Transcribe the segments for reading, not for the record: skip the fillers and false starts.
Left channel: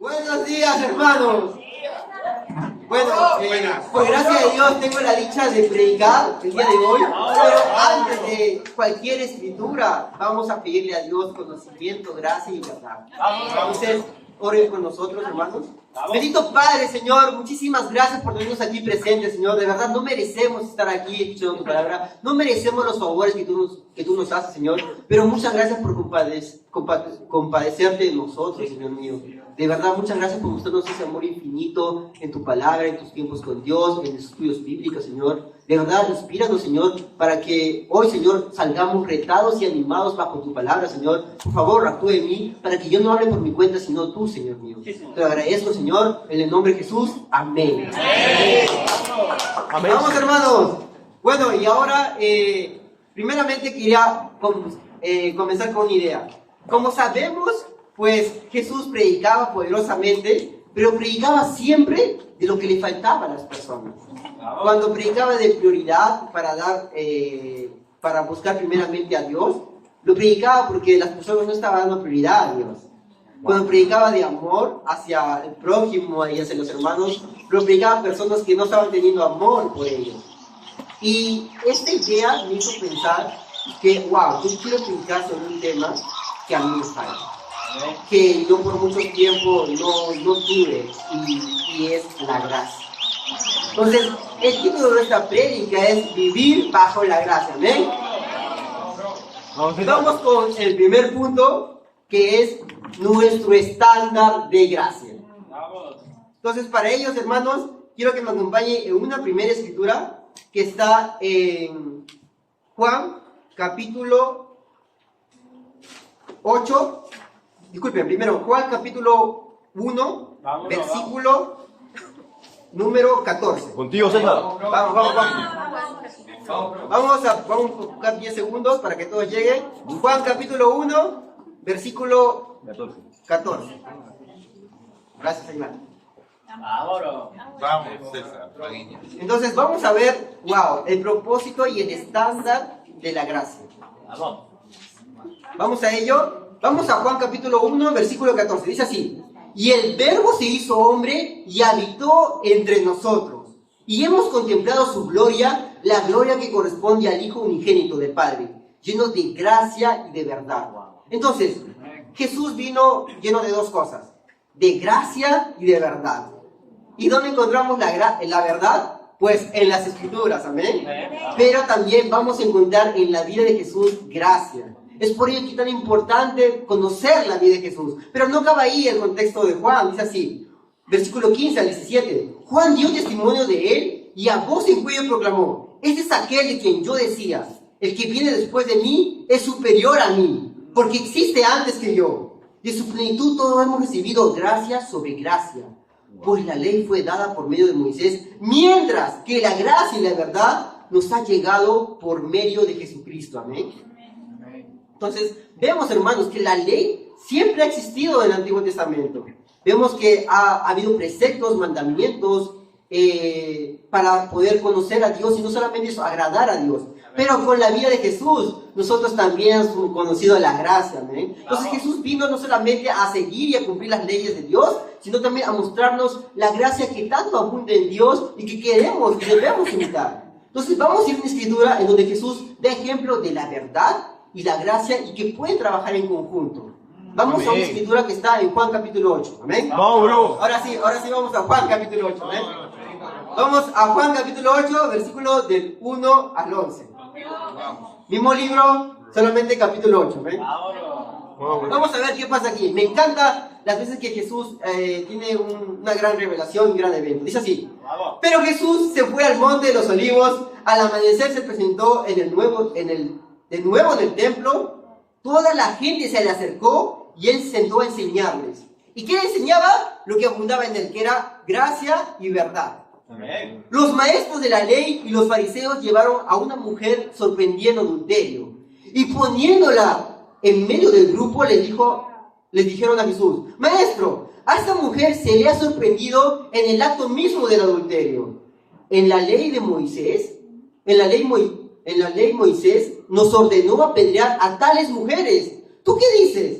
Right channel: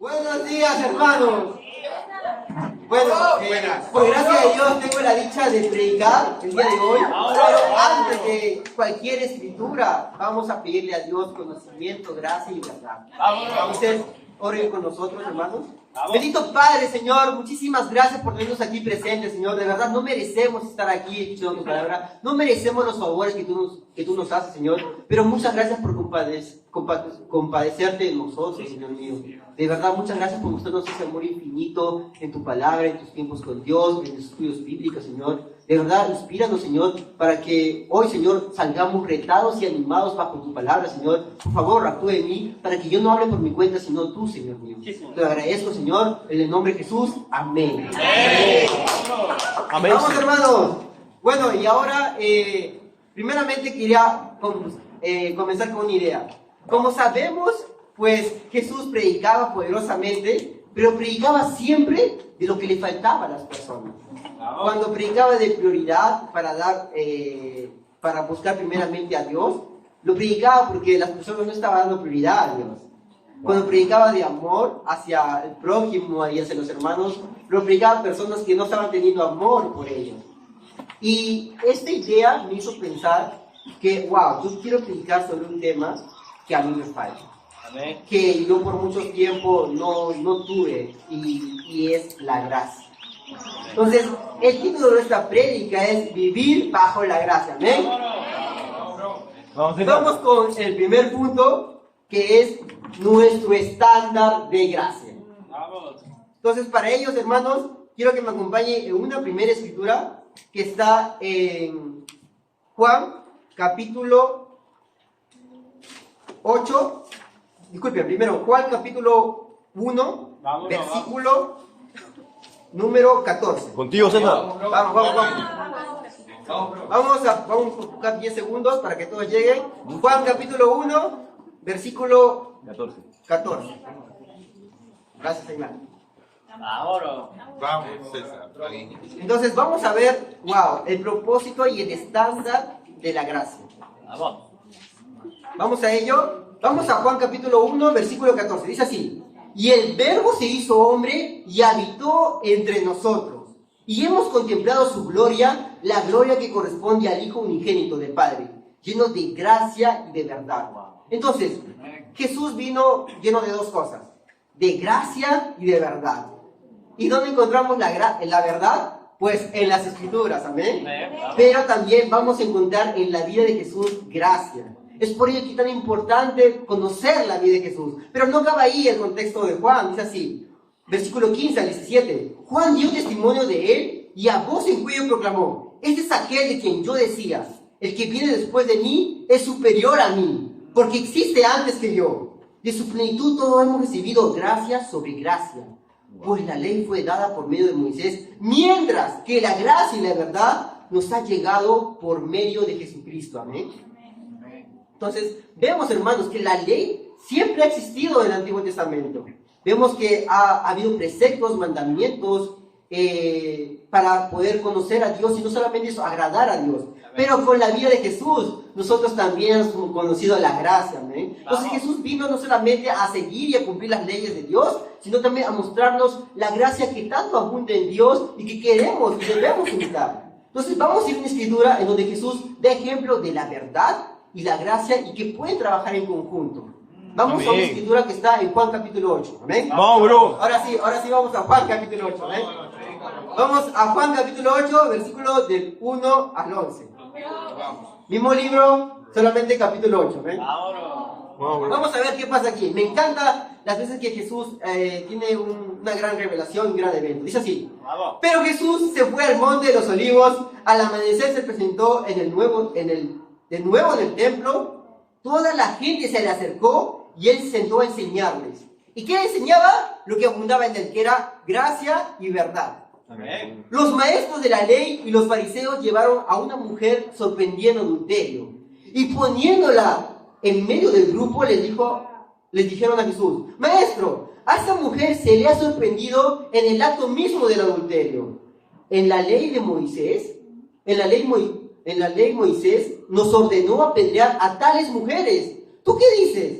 Buenos días, hermanos. Bueno, por gracia de Dios tengo la dicha de predicar el día de hoy, pero antes de cualquier escritura vamos a pedirle a Dios conocimiento, gracia y verdad. Entonces, oren con nosotros, hermanos. Bendito Padre, Señor, muchísimas gracias por tenernos aquí presentes, Señor. De verdad, no merecemos estar aquí escuchando tu palabra. No merecemos los favores que tú nos haces, Señor. Pero muchas gracias por compadecerte de nosotros, Señor mío. De verdad, muchas gracias por mostrarnos ese amor infinito en tu palabra, en tus tiempos con Dios, en los estudios bíblicos, Señor. De verdad, inspíranos, Señor, para que hoy, Señor, salgamos retados y animados bajo tu palabra, Señor. Por favor, actúe en mí, para que yo no hable por mi cuenta, sino tú, Señor mío. Te agradezco, Señor, en el nombre de Jesús. Amén. Amén. Vamos, hermanos. Bueno, y ahora, primeramente quería comenzar con una idea. Como sabemos, pues Jesús predicaba poderosamente, pero predicaba siempre de lo que le faltaba a las personas. Cuando predicaba de prioridad para buscar primeramente a Dios, lo predicaba porque las personas no estaban dando prioridad a Dios. Cuando predicaba de amor hacia el prójimo y hacia los hermanos, lo predicaba a personas que no estaban teniendo amor por ellos. Y esta idea me hizo pensar que, wow, yo quiero predicar sobre un tema que a mí me falta, que yo por mucho tiempo no tuve, y es la gracia. Entonces, el título de nuestra prédica es Vivir bajo la gracia. ¿Amén? Vamos con el primer punto, que es nuestro estándar de gracia. Entonces, para ellos, hermanos, quiero que me acompañe en una primera escritura que está en Juan, capítulo 8. Disculpen, primero, Juan, capítulo 1, versículo número 14. Contigo, César. Vamos. Vamos a buscar 10 segundos para que todos lleguen. Juan capítulo 1, versículo 14. Gracias, Señor. Vamos, César. Entonces vamos a ver, wow, el propósito y el estándar de la gracia. Vamos a ello. Vamos a Juan capítulo 1, versículo 14. Dice así: y el Verbo se hizo hombre y habitó entre nosotros. Y hemos contemplado su gloria, la gloria que corresponde al Hijo unigénito del Padre, lleno de gracia y de verdad. Entonces, Jesús vino lleno de dos cosas: de gracia y de verdad. ¿Y dónde encontramos la verdad? Pues en las Escrituras, amén. Pero también vamos a encontrar en la vida de Jesús gracia. Es por ello que es tan importante conocer la vida de Jesús. Pero no acaba ahí el contexto de Juan. Dice así, versículo 15 al 17. Juan dio testimonio de él y a voz en cuello proclamó: este es aquel de quien yo decía, el que viene después de mí es superior a mí, porque existe antes que yo. De su plenitud todos hemos recibido gracia sobre gracia. Pues la ley fue dada por medio de Moisés, mientras que la gracia y la verdad nos ha llegado por medio de Jesucristo. Amén. Entonces, vemos, hermanos, que la ley siempre ha existido en el Antiguo Testamento. Vemos que ha habido preceptos, mandamientos para poder conocer a Dios, y no solamente eso, agradar a Dios. Pero con la vida de Jesús, nosotros también hemos conocido la gracia. ¿Amén? Entonces, Jesús vino no solamente a seguir y a cumplir las leyes de Dios, sino también a mostrarnos la gracia que tanto abunda en Dios y que queremos y debemos imitar. Entonces, vamos a ir a una escritura en donde Jesús da ejemplo de la verdad y la gracia, y que pueden trabajar en conjunto. Vamos a una escritura que está en Juan capítulo 8. ¿Amén? No, bro. Ahora sí vamos a Juan capítulo 8. ¿Amén? Vamos a Juan capítulo 8, versículo del 1 al 11. Mismo libro, solamente capítulo 8. ¿Amén? Vamos a ver qué pasa aquí. Me encanta las veces que Jesús tiene una gran revelación, un gran evento. Dice así: pero Jesús se fue al monte de los olivos. Al amanecer se presentó de nuevo en el templo. Toda la gente se le acercó y él se sentó a enseñarles. ¿Y qué enseñaba? Lo que abundaba en él, que era gracia y verdad. Amén. Los maestros de la ley y los fariseos llevaron a una mujer sorprendida en adulterio, y poniéndola en medio del grupo les dijeron a Jesús: Maestro, a esa mujer se le ha sorprendido en el acto mismo del adulterio. En la ley Moisés nos ordenó apedrear a tales mujeres. ¿Tú qué dices?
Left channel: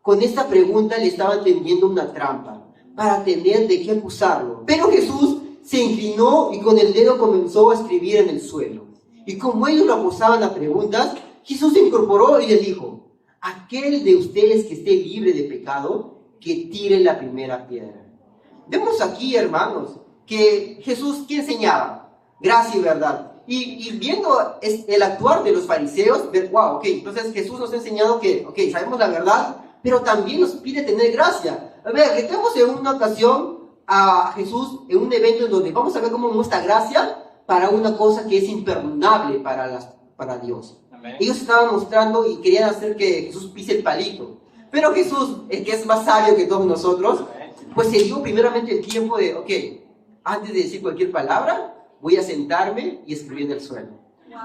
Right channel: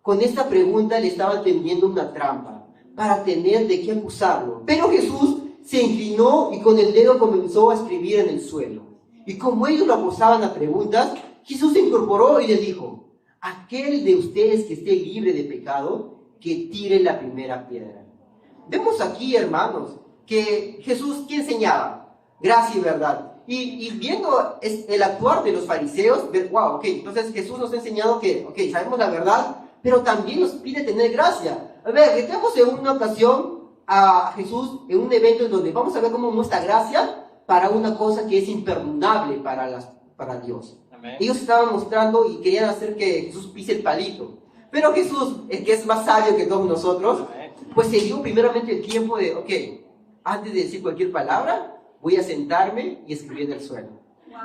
Con esta pregunta le estaban tendiendo una trampa para tener de qué acusarlo. Pero Jesús se inclinó y con el dedo comenzó a escribir en el suelo. Y como ellos lo acusaban a preguntas, Jesús se incorporó y les dijo: aquel de ustedes que esté libre de pecado, que tire la primera piedra. Vemos aquí, hermanos, que Jesús, ¿qué enseñaba? Gracia y verdad. Y viendo el actuar de los fariseos, ver, wow, ok, entonces Jesús nos ha enseñado que, ok, sabemos la verdad, pero también nos pide tener gracia. A ver, metemos en una ocasión a Jesús en un evento en donde vamos a ver cómo muestra gracia para una cosa que es imperdonable para Dios. Amén. Ellos estaban mostrando y querían hacer que Jesús pise el palito. Pero Jesús, el que es más sabio que todos nosotros, pues se dio primeramente el tiempo de, ok, antes de decir cualquier palabra, voy a sentarme y escribir en el suelo.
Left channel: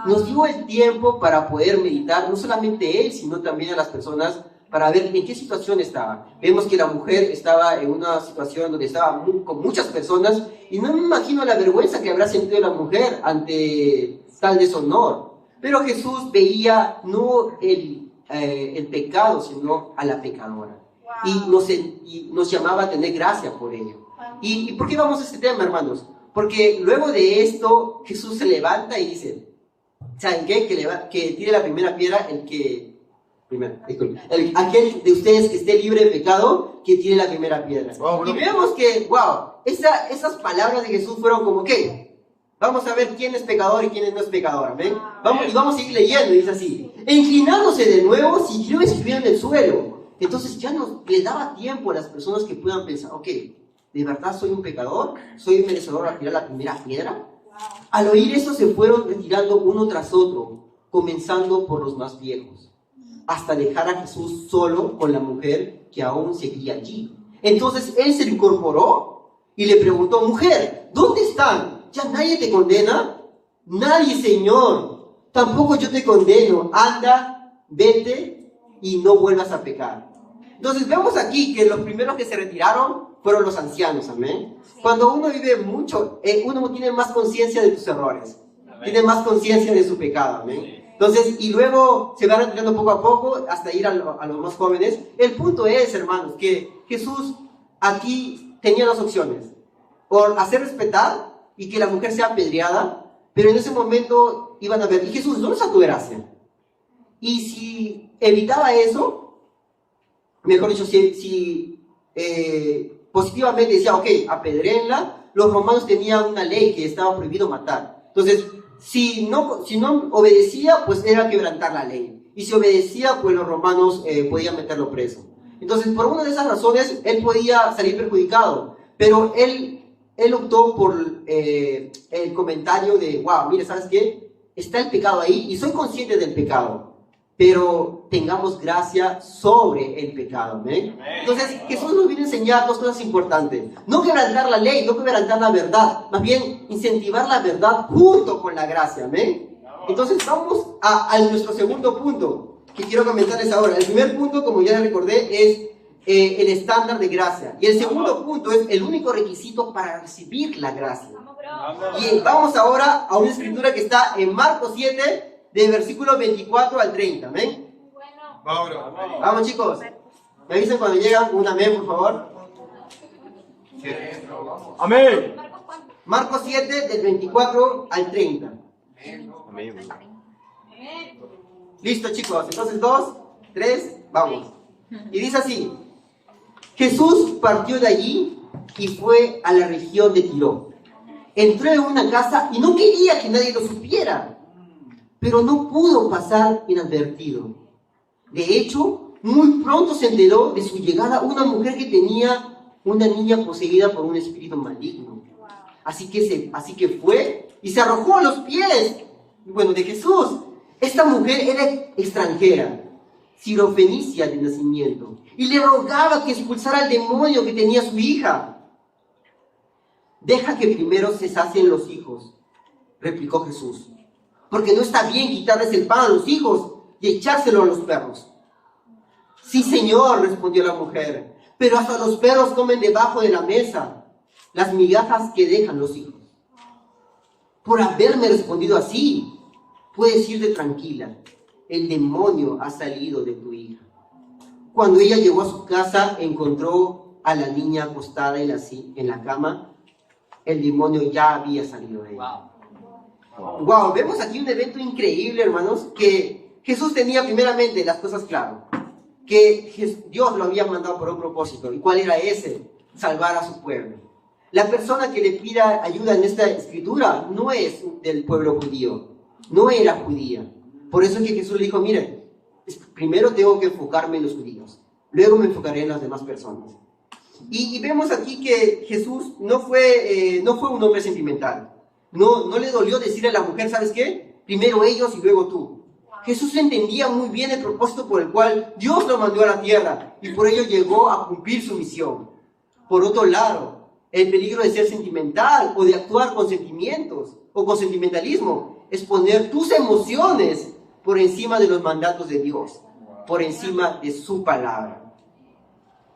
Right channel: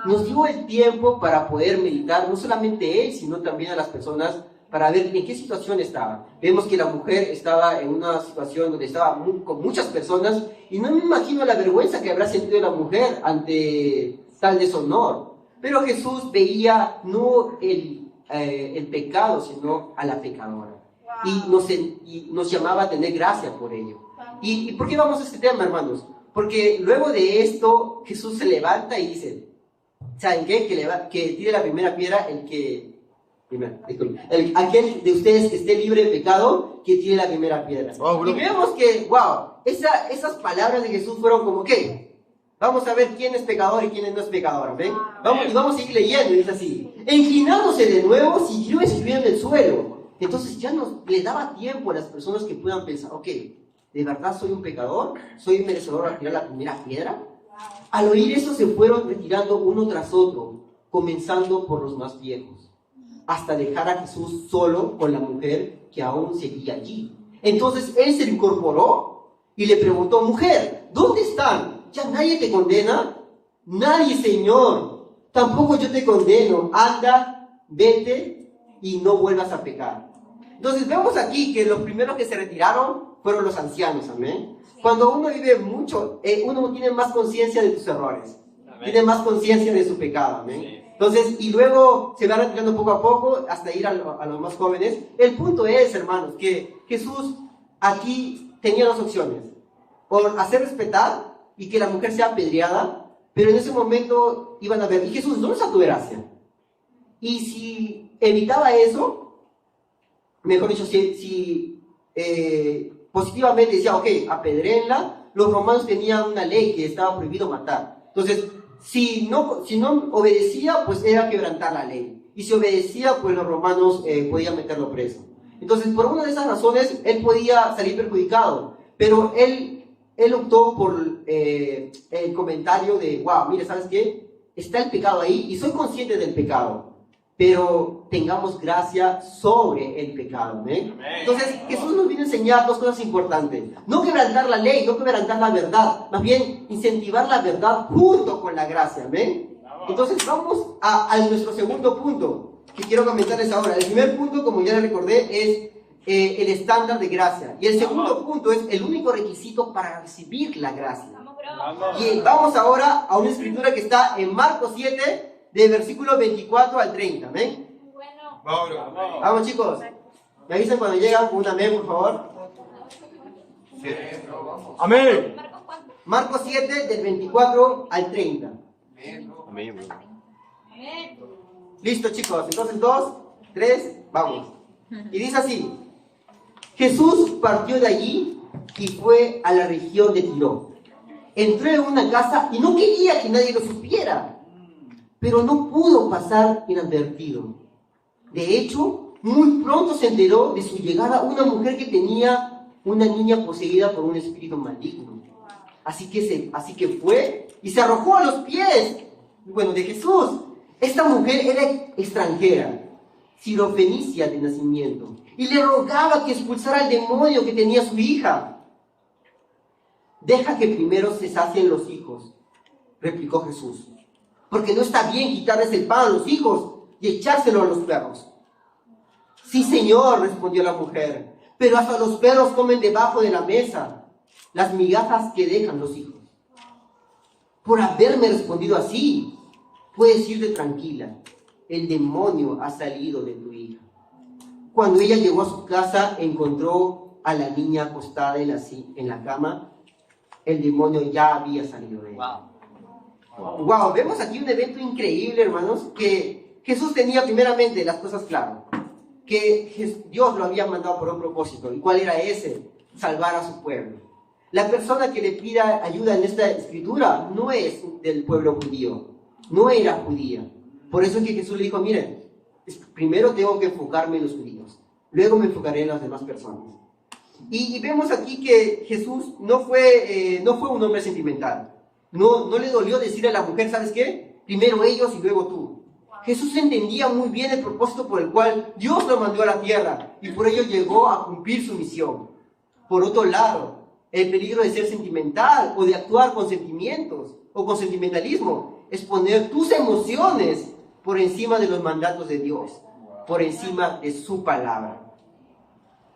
Nos dio el tiempo para poder meditar, no solamente él, sino también a las personas, para ver en qué situación estaban. Vemos que la mujer estaba en una situación donde estaba con muchas personas, y no me imagino la vergüenza que habrá sentido la mujer ante tal deshonor. Pero Jesús veía no el pecado, sino a la pecadora. Y nos llamaba a tener gracia por ello. ¿Y por qué vamos a este tema, hermanos? Porque luego de esto, Jesús se levanta y dice, ¿saben qué? Que tire la primera piedra aquel de ustedes que esté libre de pecado, que tire la primera piedra. Y vemos que, wow, esas palabras de Jesús fueron como, ¿qué? Vamos a ver quién es pecador y quién no es pecador, ¿ven? Vamos a seguir leyendo, y dice así. E inclinándose de nuevo, siguió escribiendo en el suelo. Entonces ya no le daba tiempo a las personas que puedan pensar, ok, ¿de verdad soy un pecador? ¿Soy un merecedor a tirar la primera piedra? Al oír eso se fueron retirando uno tras otro, comenzando por los más viejos, hasta dejar a Jesús solo con la mujer que aún seguía allí. Entonces él se incorporó y le preguntó, mujer, ¿dónde están? ¿Ya nadie te condena? Nadie, Señor. Tampoco yo te condeno. Anda, vete y no vuelvas a pecar. Entonces vemos aquí que los primeros que se retiraron fueron los ancianos, amén. Cuando uno vive mucho, uno tiene más conciencia de tus errores, tiene más conciencia de su pecado, amén. Entonces, y luego se va retirando poco a poco hasta ir a los más jóvenes. El punto es, hermanos, que Jesús aquí tenía dos opciones: o hacer respetar y que la mujer sea apedreada, pero en ese momento iban a ver, y Jesús, ¿dónde está tu gracia? Y si evitaba eso, mejor dicho, si positivamente decía, ok, apedréenla, los romanos tenían una ley que estaba prohibido matar. Entonces, si no obedecía, pues era quebrantar la ley. Y si obedecía, pues los romanos podían meterlo preso. Entonces, por una de esas razones, él podía salir perjudicado. Pero él optó por el comentario de, wow, mire, ¿sabes qué? Está el pecado ahí y soy consciente del pecado. Pero tengamos gracia sobre el pecado, ¿ven? Entonces, Jesús nos viene a enseñar dos cosas importantes. No quebrantar la ley, no quebrantar la verdad. Más bien, incentivar la verdad junto con la gracia, ¿ven? Entonces, vamos a nuestro segundo punto, que quiero comentarles ahora. El primer punto, como ya les recordé, es el estándar de gracia. Y el segundo punto es el único requisito para recibir la gracia. Y vamos ahora a una escritura que está en Marcos 7, de versículo 24 al 30, ¿amén? Vamos, chicos. Me avisan cuando llegan, un amén, por favor. Amén. Marcos 7, del 24 al 30. Amén. Listo, chicos. Entonces, 2, 3, vamos. Y dice así: Jesús partió de allí y fue a la región de Tiro. Entró en una casa y no quería que nadie lo supiera, pero no pudo pasar inadvertido. De hecho, muy pronto se enteró de su llegada una mujer que tenía una niña poseída por un espíritu maligno. Así que fue y se arrojó a los pies, de Jesús. Esta mujer era extranjera, sirofenicia de nacimiento, y le rogaba que expulsara al demonio que tenía su hija. Deja que primero se sacien los hijos, replicó Jesús, porque no está bien quitarles el pan a los hijos y echárselo a los perros. Sí, Señor, respondió la mujer, pero hasta los perros comen debajo de la mesa las migajas que dejan los hijos. Por haberme respondido así, puedes irte tranquila, el demonio ha salido de tu hija. Cuando ella llegó a su casa, encontró a la niña acostada en la cama, el demonio ya había salido de ella. Wow, vemos aquí un evento increíble, hermanos, que Jesús tenía primeramente las cosas claras, que Dios lo había mandado por un propósito. ¿Y cuál era ese? Salvar a su pueblo. La persona que le pida ayuda en esta escritura no es del pueblo judío, no era judía. Por eso es que Jesús le dijo, miren, primero tengo que enfocarme en los judíos, luego me enfocaré en las demás personas. Y vemos aquí que Jesús no fue un hombre sentimental. No le dolió decirle a la mujer, ¿sabes qué? Primero ellos y luego tú. Jesús entendía muy bien el propósito por el cual Dios lo mandó a la tierra y por ello llegó a cumplir su misión. Por otro lado, el peligro de ser sentimental o de actuar con sentimientos o con sentimentalismo es poner tus emociones por encima de los mandatos de Dios, por encima de su palabra.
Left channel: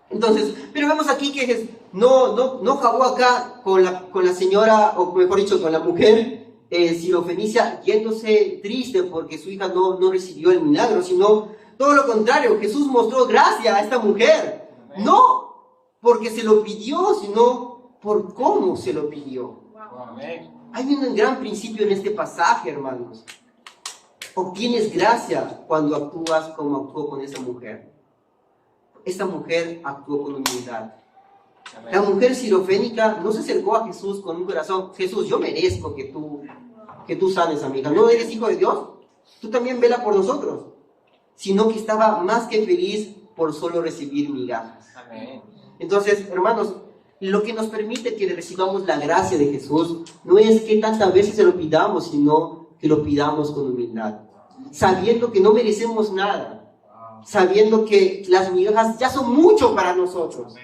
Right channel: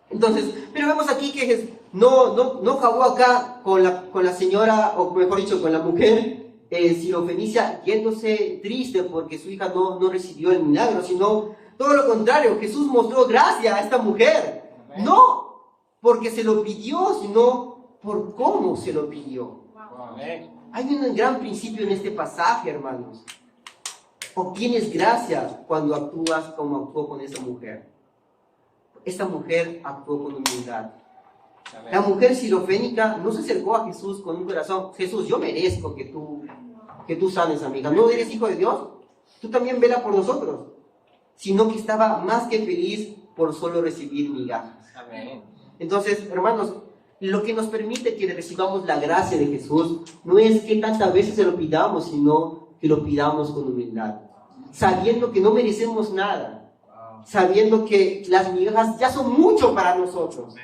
Entonces, pero vemos aquí que no acabó acá con la señora, o mejor dicho, con la mujer sirofenicia yéndose triste porque su hija no recibió el milagro, sino todo lo contrario. Jesús mostró gracia a esta mujer, no porque se lo pidió, sino por cómo se lo pidió. Hay un gran principio en este pasaje, hermanos. Obtienes gracia cuando actúas como actuó con esa mujer. Esta mujer actuó con humildad. La mujer sirofénica no se acercó a Jesús con un corazón, Jesús, yo merezco que tú sanes a mi hija. ¿No eres hijo de Dios? Tú también vela por nosotros. Sino que estaba más que feliz por solo recibir migajas. Entonces, hermanos, lo que nos permite que recibamos la gracia de Jesús no es que tantas veces se lo pidamos, sino que lo pidamos con humildad. Sabiendo que no merecemos nada. Sabiendo que las migajas ya son mucho para nosotros.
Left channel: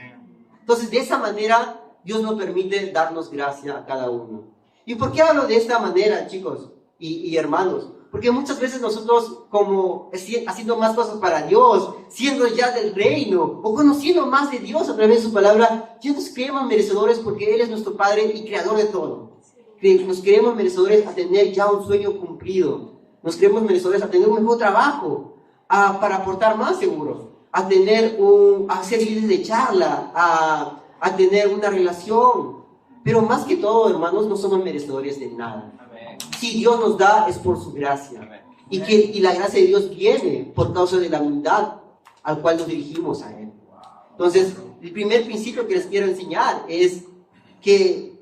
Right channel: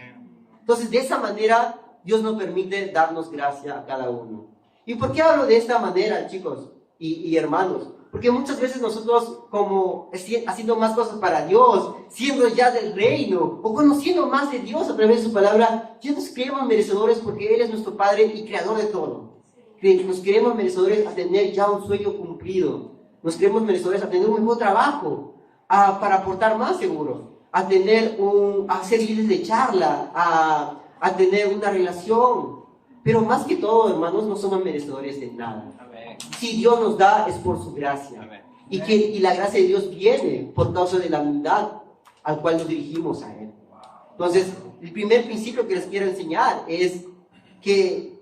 Entonces, de esa manera, Dios nos permite darnos gracia a cada uno. ¿Y por qué hablo de esta manera, chicos y hermanos? Porque muchas veces nosotros, como haciendo más cosas para Dios, siendo ya del reino, o conociendo más de Dios a través de su palabra, ya nos creemos merecedores porque Él es nuestro Padre y Creador de todo. Nos creemos merecedores a tener ya un sueño cumplido. Nos creemos merecedores a tener un mejor trabajo, para aportar más seguro, a ser líderes de charla, a tener una relación. Pero más que todo, hermanos, no somos merecedores de nada. Si Dios nos da, es por su gracia. Y la gracia de Dios viene por causa de la humildad al cual nos dirigimos a Él. Entonces, el primer principio que les quiero enseñar es que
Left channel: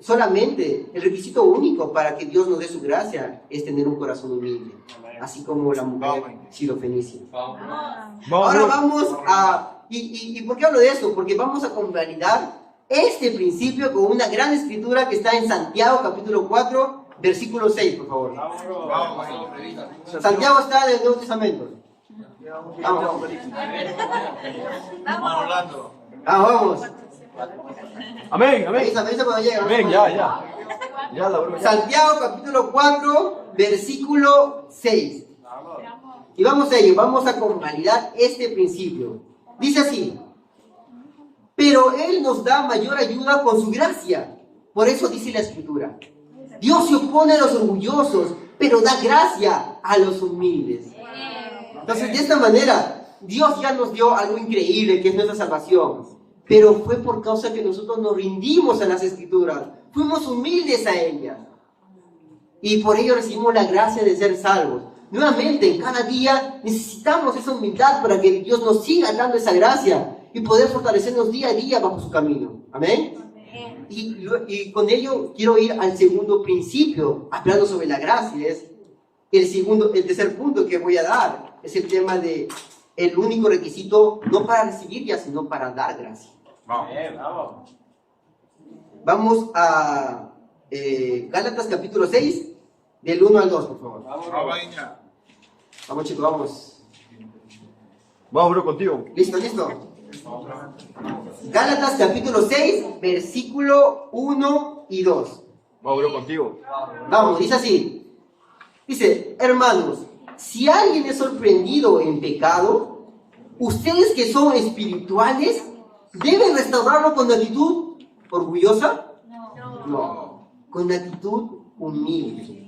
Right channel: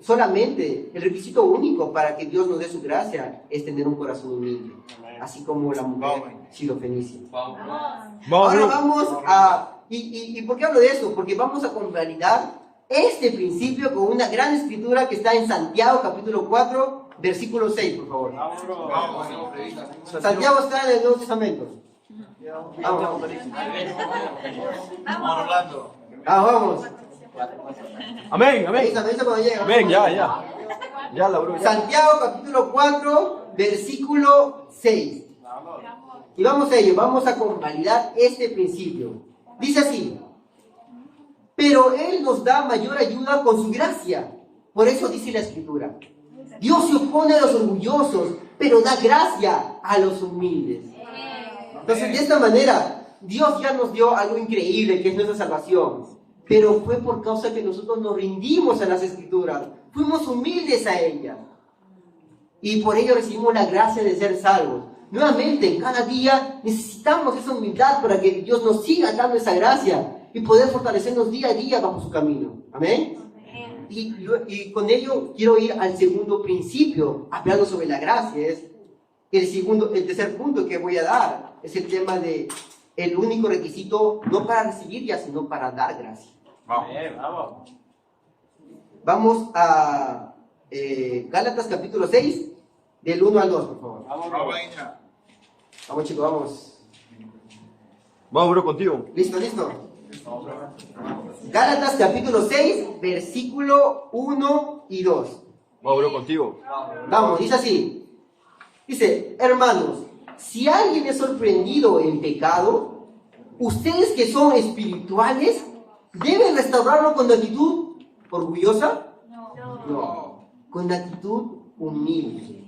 solamente el requisito único para que Dios nos dé su gracia es tener un corazón humilde, así como la mujer sirofenicia. Ahora vamos a... ¿Y por qué hablo de eso? Porque vamos a convalidar este principio con una gran escritura que está en Santiago capítulo 4, versículo 6, por favor. Santiago está en el Nuevo Testamento. Vamos. Amén, amén. Avisa cuando llega. Amén, ya. Ya la broma. Santiago capítulo 4, versículo 6. Y vamos a ello, vamos a convalidar este principio. Dice así: pero Él nos da mayor ayuda con su gracia. Por eso dice la Escritura: Dios se opone a los orgullosos, pero da gracia a los humildes. Entonces, de esta manera, Dios ya nos dio algo increíble, que es nuestra salvación. Pero fue por causa que nosotros nos rindimos a las Escrituras. Fuimos humildes a ellas. Y por ello recibimos la gracia de ser salvos. Nuevamente, cada día necesitamos esa humildad para que Dios nos siga dando esa gracia y poder fortalecernos día a día bajo su camino. Amén. Y con ello quiero ir al segundo principio, hablando sobre la gracia. Es el tercer punto que voy a dar. Es el tema de el único requisito, no para recibir ya, sino para dar gracia. Vamos a Gálatas capítulo 6, del 1 al 2, por favor. Vamos, chicos, vamos. Vamos, bro, contigo. ¿Listo? Gálatas capítulo 6, versículo 1 y 2. Vamos, bro, contigo. Vamos, dice así. Dice: hermanos, si alguien es sorprendido en pecado, ustedes que son espirituales, ¿deben restaurarlo con actitud orgullosa? No, con actitud humilde.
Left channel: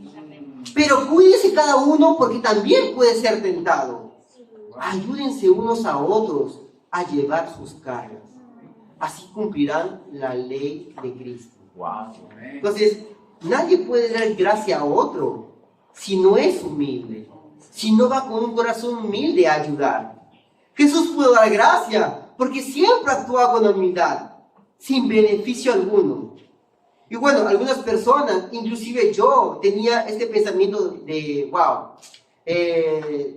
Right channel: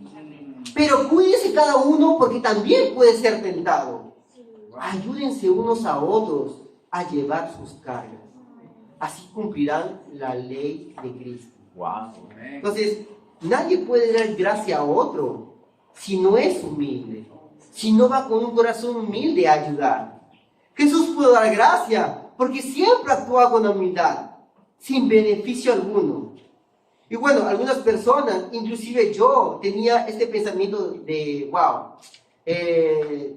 Pero cuídense cada uno, porque también puede ser tentado. Ayúdense unos a otros a llevar sus cargas. Así cumplirán la ley de Cristo. Wow. Entonces, nadie puede dar gracia a otro si no es humilde, si no va con un corazón humilde a ayudar. Jesús pudo dar gracia porque siempre actúa con humildad, sin beneficio alguno. Y bueno, algunas personas, inclusive yo, tenía este pensamiento de, wow,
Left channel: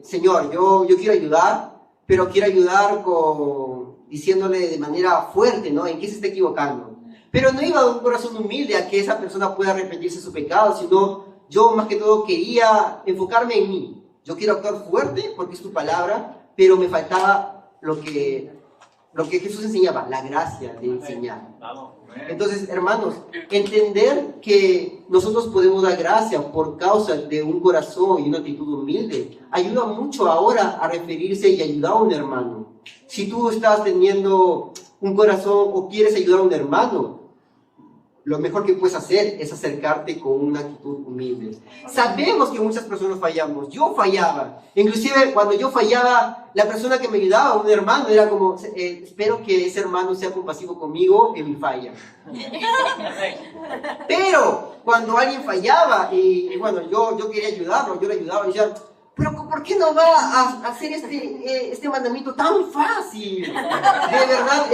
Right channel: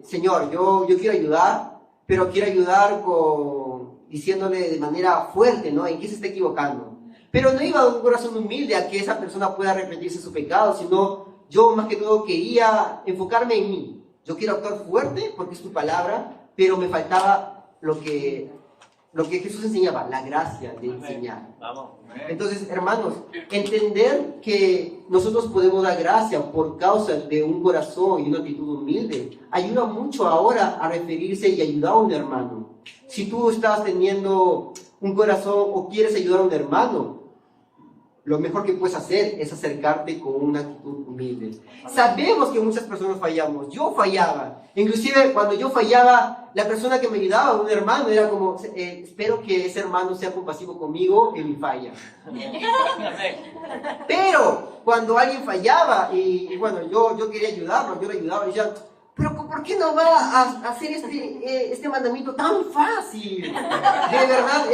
Señor, yo quiero ayudar, pero quiero ayudar diciéndole de manera fuerte, ¿no? ¿En qué se está equivocando? Pero no iba a un corazón humilde a que esa persona pueda arrepentirse de su pecado, sino yo más que todo quería enfocarme en mí. Yo quiero actuar fuerte porque es tu palabra, pero me faltaba lo que Jesús enseñaba, la gracia de enseñar. Entonces, hermanos, entender que nosotros podemos dar gracia por causa de un corazón y una actitud humilde ayuda mucho ahora a referirse y ayudar a un hermano. Si tú estás teniendo un corazón o quieres ayudar a un hermano, lo mejor que puedes hacer es acercarte con una actitud humilde. Sabemos que muchas personas fallamos. Yo fallaba. Inclusive cuando yo fallaba, la persona que me ayudaba, un hermano, era como, espero que ese hermano sea compasivo conmigo en mi falla. Pero cuando alguien fallaba y bueno, yo quería ayudarlo, yo le ayudaba y decía, pero ¿por qué no va a hacer este mandamiento tan fácil? De verdad,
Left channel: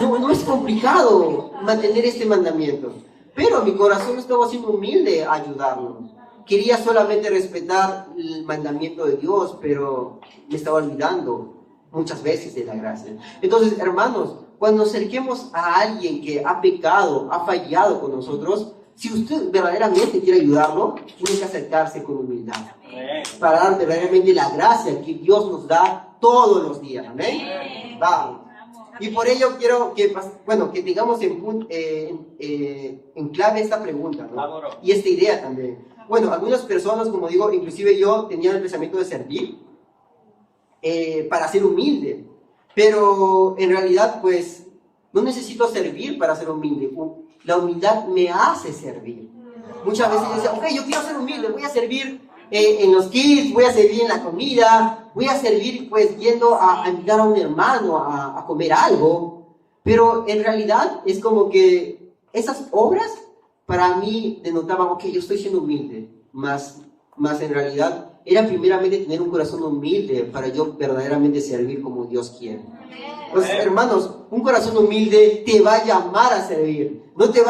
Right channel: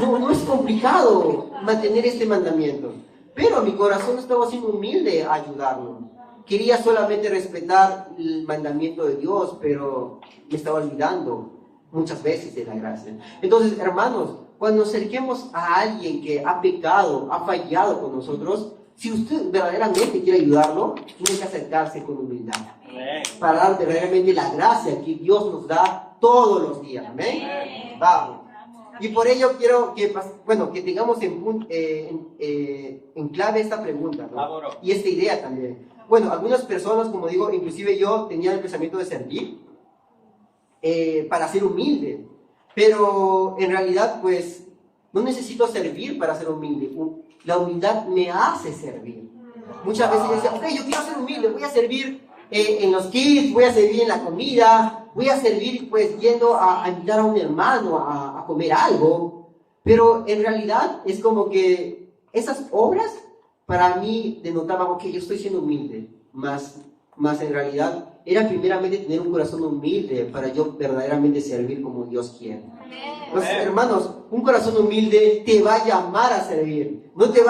no es complicado mantener este mandamiento. Pero mi corazón estaba siendo humilde a ayudarlo. Quería solamente respetar el mandamiento de Dios, pero me estaba olvidando muchas veces de la gracia. Entonces, hermanos, cuando nos acerquemos a alguien que ha pecado, ha fallado con nosotros, si usted verdaderamente quiere ayudarlo, tiene que acercarse con humildad. Para dar verdaderamente la gracia que Dios nos da todos los días. Amén. Vamos. Y por ello quiero que tengamos en clave esta pregunta, ¿no? Y esta idea también. Bueno, algunas personas, como digo, inclusive yo tenía el pensamiento de servir para ser humilde. Pero en realidad, pues, no necesito servir para ser humilde. La humildad me hace servir. Muchas veces yo decía, ok, yo quiero ser humilde, voy a servir en los kids, voy a servir en la comida, voy a servir pues yendo a invitar a un hermano a comer algo, pero en realidad es como que esas obras para mí denotaban, ok, yo estoy siendo humilde, más en realidad era primeramente tener un corazón humilde para yo verdaderamente servir como Dios quiere. Entonces, hermanos, un corazón humilde te va a llamar a servir, no te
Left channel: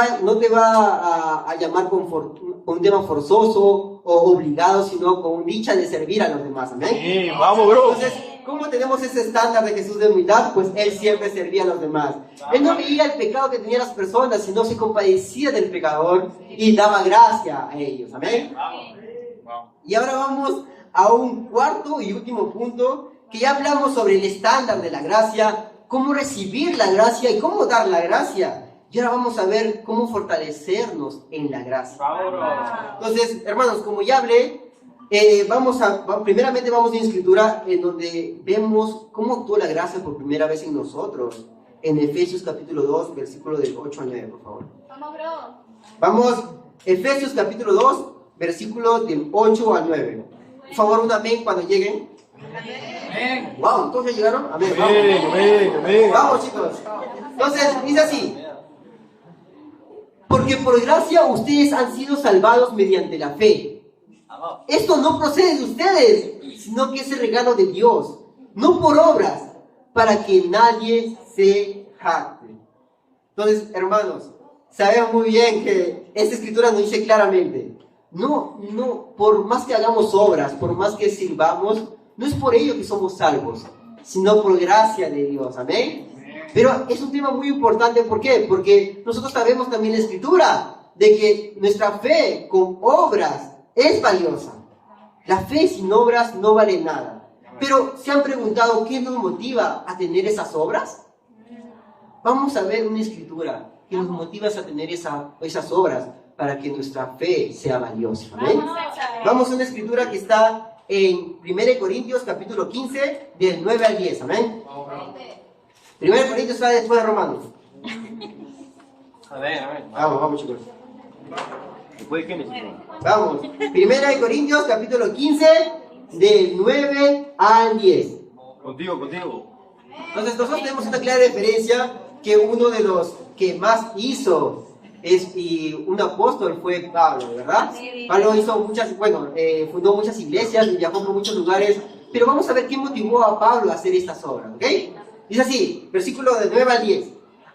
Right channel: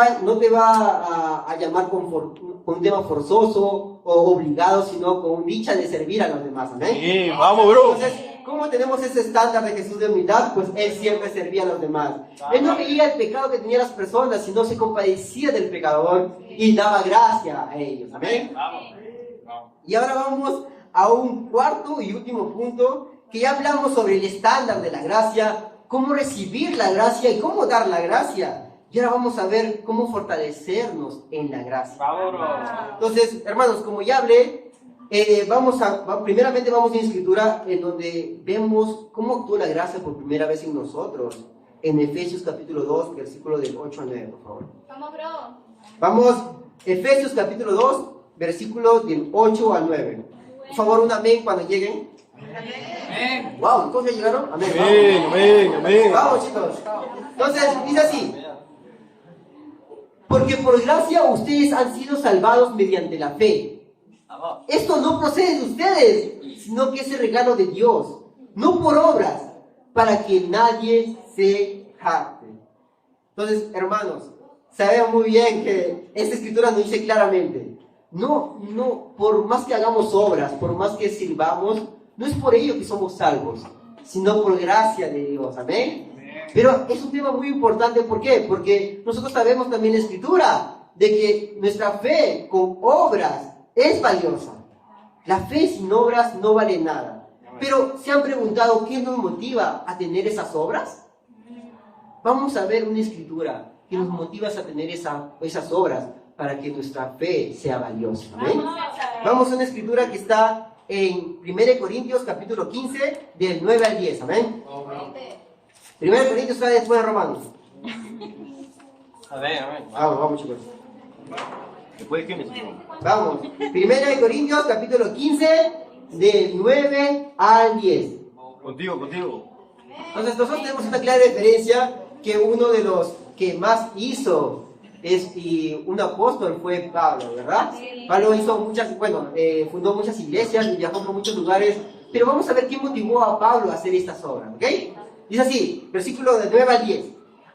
va a llamar con un tema forzoso o obligado, sino con dicha de servir a los demás. ¿Amén? Sí, vamos, bro. Entonces, ¿cómo tenemos ese estándar de Jesús de humildad? Pues Él siempre servía a los demás. Él no veía el pecado que tenían las personas, sino se compadecía del pecador y daba gracia a ellos. ¿Amén? Y ahora vamos a un cuarto y último punto, que ya hablamos sobre el estándar de la gracia, cómo recibir la gracia y cómo dar la gracia. Y ahora vamos a ver cómo fortalecernos en la gracia. Entonces, hermanos, como ya hablé, primeramente vamos a una escritura en donde vemos cómo actuó la gracia por primera vez en nosotros. En Efesios capítulo 2, versículo del 8 al 9, por favor. Vamos, Efesios capítulo 2, versículos del 8 al 9. Por favor, un amén cuando lleguen. Amén. Wow, ¿todos ya llegaron? Amén. Amén. Vamos, chicos. Entonces, dice así. Porque por gracia ustedes han sido salvados mediante la fe. Esto no procede de ustedes, sino que es el regalo de Dios, no por obras, para que nadie se jacte. Entonces, hermanos, sabemos muy bien que esta escritura nos dice claramente, no, por más que hagamos obras, por más que sirvamos, no es por ello que somos salvos, sino por gracia de Dios. Amén. Pero es un tema muy importante, ¿por qué? Porque nosotros sabemos también en la Escritura de que nuestra fe con obras es valiosa. La fe sin obras no vale nada. Pero ¿se han preguntado qué nos motiva a tener esas obras? Vamos a ver una Escritura que nos motiva a tener esas obras para que nuestra fe sea valiosa. ¿Amén? Vamos a una Escritura que está en 1 Corintios capítulo 15 del 9 al 10. Amén. 1 Corintios está después de Romanos. Amén. Vamos chicos. ¿Después de qué me? Vamos. 1 Corintios capítulo 15 del 9 al 10. Contigo. Entonces nosotros tenemos una clara referencia que uno de los que más hizo y un apóstol fue Pablo, ¿verdad? Pablo hizo fundó muchas iglesias, viajó por muchos lugares, pero vamos a ver qué motivó a Pablo a hacer estas obras, ¿ok? Dice así, versículo de 9 al 10.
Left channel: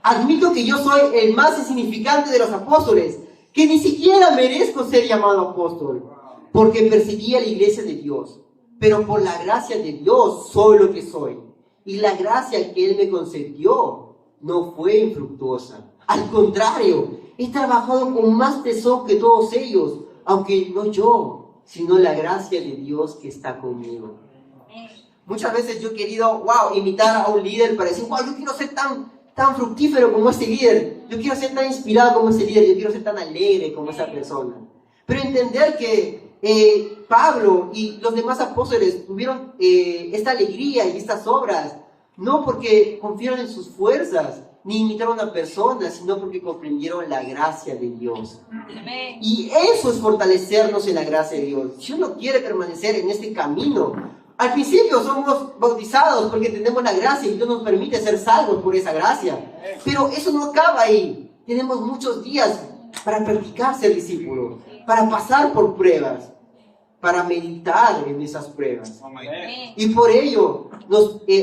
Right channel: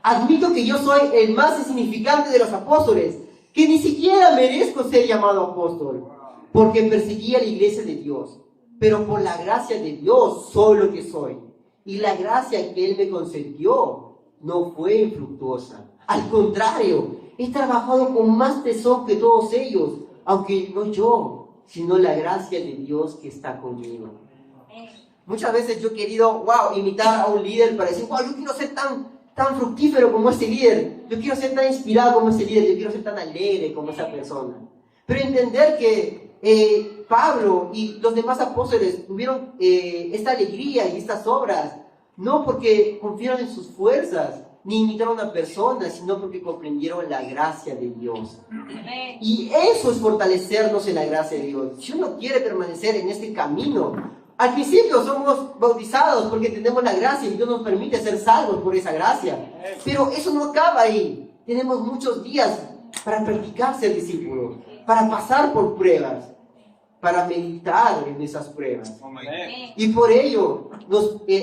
Admito que yo soy el más insignificante de los apóstoles, que ni siquiera merezco ser llamado apóstol, porque perseguí a la iglesia de Dios, pero por la gracia de Dios soy lo que soy, y la gracia que Él me concedió no fue infructuosa. Al contrario, he trabajado con más tesón que todos ellos, aunque no yo, sino la gracia de Dios que está conmigo. Muchas veces yo he querido, imitar a un líder para decir, yo quiero ser tan fructífero como ese líder, yo quiero ser tan inspirado como ese líder, yo quiero ser tan alegre como esa persona. Pero entender que Pablo y los demás apóstoles tuvieron esta alegría y estas obras, no porque confiaron en sus fuerzas, ni imitaron a personas, sino porque comprendieron la gracia de Dios. Amén. Y eso es fortalecernos en la gracia de Dios. Si uno quiere permanecer en este camino, al principio somos bautizados porque tenemos la gracia y Dios nos permite ser salvos por esa gracia. Pero eso no acaba ahí. Tenemos muchos días para practicar ser discípulos, para pasar por pruebas, para meditar en esas pruebas. Y por ello,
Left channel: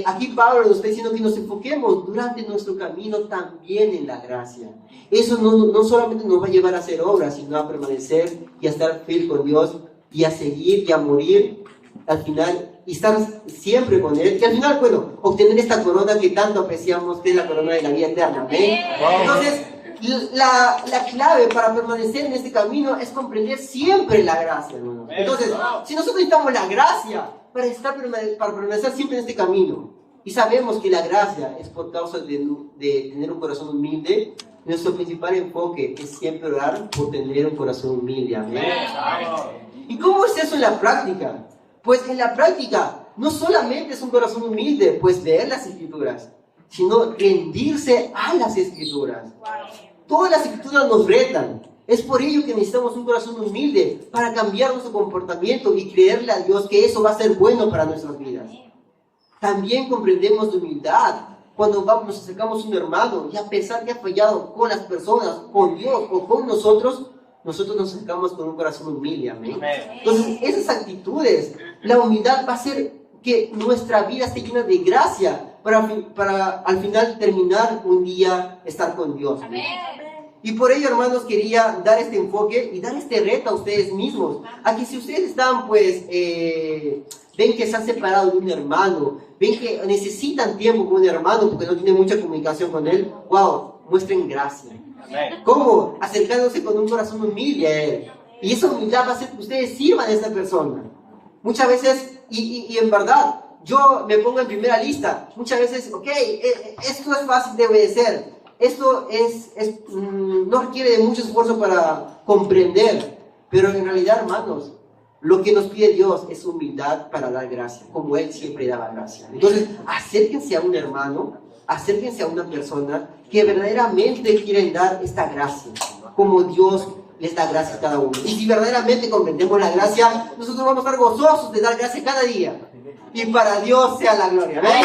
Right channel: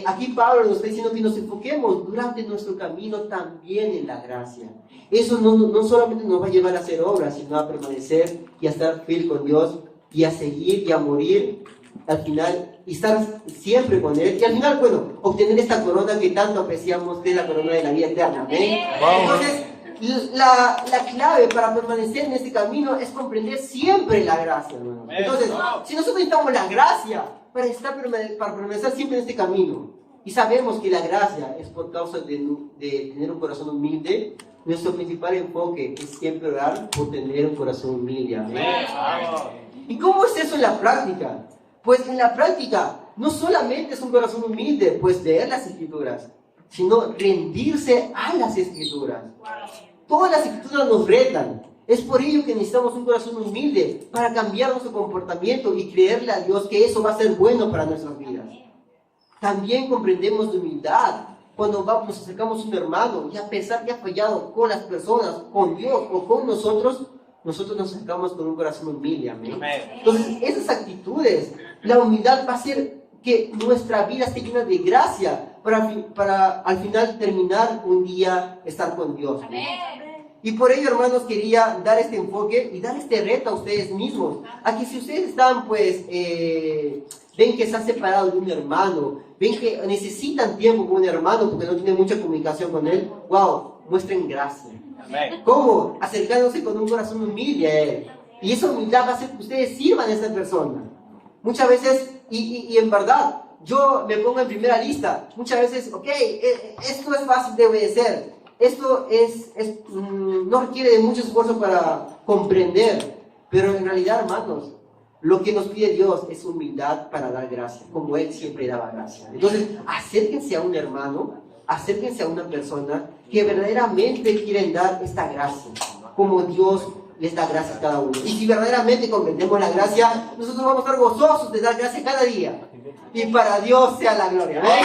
aquí Pablo nos está diciendo que nos enfoquemos durante nuestro camino también en la gracia. Eso no solamente nos va a llevar a hacer obras, sino a permanecer y a estar fiel con Dios y a seguir y a morir al final y estar siempre con Él. Y al final, obtener esta corona que tanto apreciamos, que es la corona de la vida eterna. ¿Ven? Entonces, la clave para permanecer en este camino es comprender siempre la gracia, hermano. Entonces, si nosotros necesitamos la gracia para permanecer siempre en este camino, y sabemos que la gracia es por causa de tener un corazón humilde, nuestro principal enfoque es siempre orar por tener un corazón humilde. Amén. ¿Y cómo es eso en la práctica? Pues en la práctica no solamente es un corazón humilde, pues leer las Escrituras, sino rendirse a las Escrituras. Todas las Escrituras nos retan. Es por ello que necesitamos un corazón humilde para cambiar nuestro comportamiento y creerle a Dios que eso va a ser bueno para nuestras vidas. También comprendemos de humildad cuando nos acercamos a un hermano y a pesar que ha fallado con las personas, con Dios o con nosotros nos acercamos con un corazón humilde. Amén. Entonces, esas actitudes, la humildad va a hacer que nuestra vida esté llena de gracia para al final terminar un día estar con Dios. Amén. Y por ello, hermanos, quería dar este enfoque y dar este reto a ustedes mismos. A que si ustedes están, ven que se han separado de un hermano, ven que necesitan tiempo con un hermano porque no tienen mucha comunicación con él, muestren gracia. Amén. ¿Cómo? Acercándose con un corazón humilde a él. Y esa humildad va a hacer que ustedes sirvan a esa persona. Muchas veces, y en verdad, yo me pongo en primera lista. Muchas veces, esto es fácil de obedecer. Esto no requiere de mucho esfuerzo para comprender, pero en realidad, hermanos, lo que nos pide Dios es humildad para dar gracia, como Él siempre daba gracia. Entonces, acérquense a un hermano, acérquense a una persona que verdaderamente quieren dar esta gracia, como Dios les da gracia a cada uno. Y si verdaderamente comprendemos la gracia, nosotros vamos a estar gozosos de dar gracia cada día. Y para Dios sea la gloria. ¿Ven?